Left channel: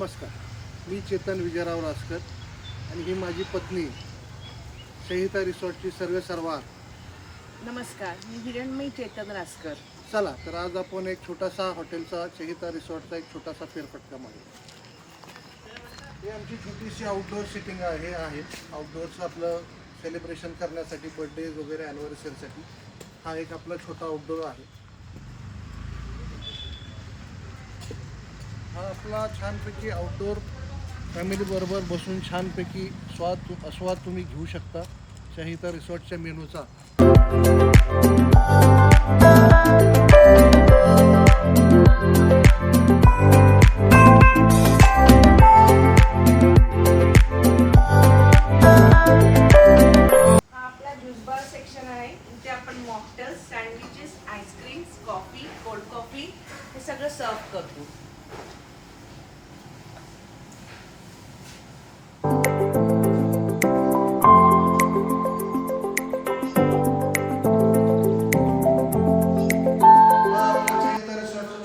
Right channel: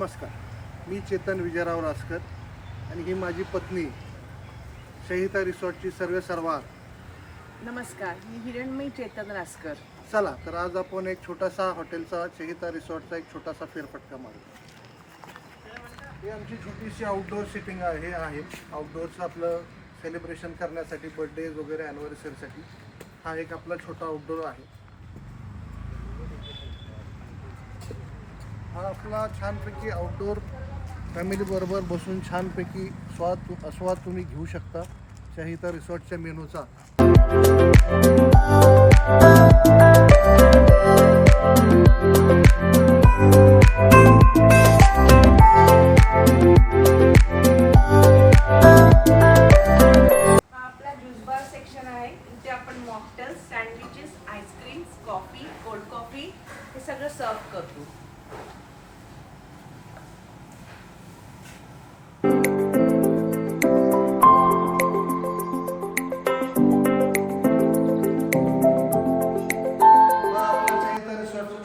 नमस्कार, मी चेतन विजयराव रासकर आणि ही माझी पत्नी संहिता रिसॉर्टची सर्वेसर्वा. नमस्कार, मी हिरणमयी चेतन रासकर. चला तर आज आपण एक छोटासा हॉटेलचा संहिता रिसॉर्टचा एक छोटासा फेरफटका मारूया. ही आमची छोटीशी आउटडोअर सिटिंग आहे आउटडोअरचं आपलं सेलिब्रेशन करण्यासाठी, बर्थडेज वगैरे ॲनिव्हर्सरीसाठी हा एक आपला छोटा आउटडोअर आहे. हा आपला छानपैकी आउटडोअर फॅमिलीबरोबर बसून छानपैकी आस्वाद तुम्ही घेऊ शकता संहिता रिसॉर्टच्या मेनूचा. आपला ज्यूस बार सेक्शन आहे. इथे आपण mocktails, sandwiches, ice creams, coffee, cold coffee हे सगळं सर्व करतो.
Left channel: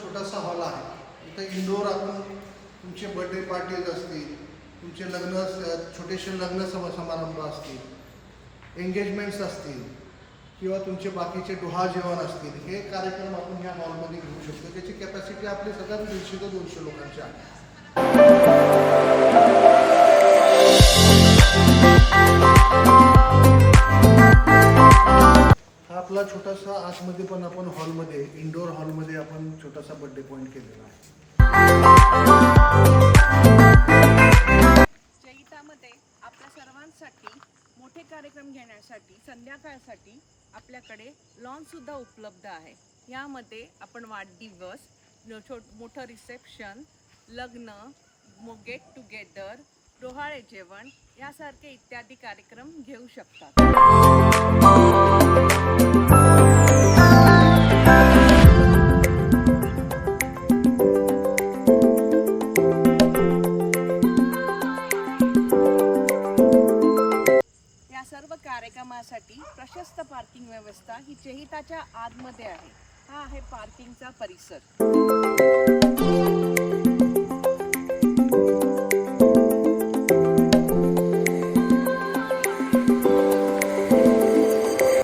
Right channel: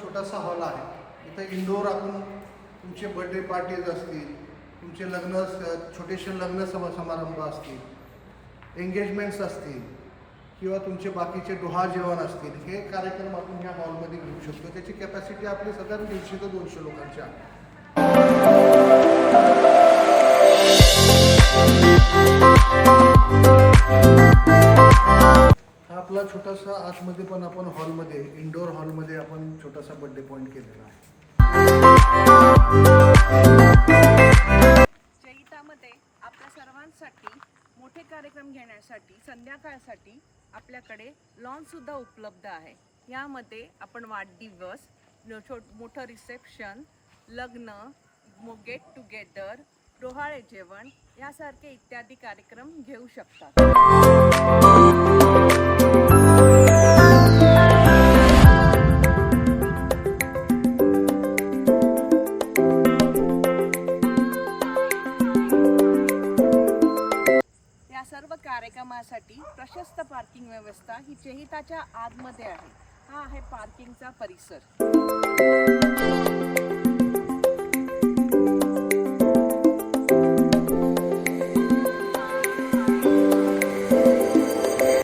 छोटासा हॉल आहे. इथं इंडोर आपण तुमचे बर्थडे पार्टीज असतील, तुमचे छोटेसे लग्न समारंभ असतील, एंगेजमेंट्स असतील किंवा तुमचे बाकीचे डोहा जेवण असतील, हे कार्यक्रम आपण ह्या हॉलमध्ये घेऊ शकतो. त्याची कॅपॅसिटी आपली साधारण 150 ते 200 लोकांची आहे. हा आपला छोटासा आतमध्ये पण आपण हॉलमध्ये, इंडोर हॉलमध्ये आपण छोटासा बर्थडे पॉईंट केलेला आहे. संहितामध्ये आपल्या सर्वांसाठी मोठे कार्यक्रम घेण्यासाठी संध्याकाळसाठी आपल्याकडे लॉन सुद्धा उपलब्ध आहे. यामध्ये आपण वाढदिवस, मोठं रिसेप्शन, लग्न, गेट टुगेदर, डोहाळे जेवण यासारखे इत्यादी कार्यक्रम घेऊ शकतात. सर्व कार्यक्रमासाठी प्रशस्त पार्किंग व्यवस्था ही संहिताच्या आतमध्ये आहे. हा आहे पार्किंगचा परिसर.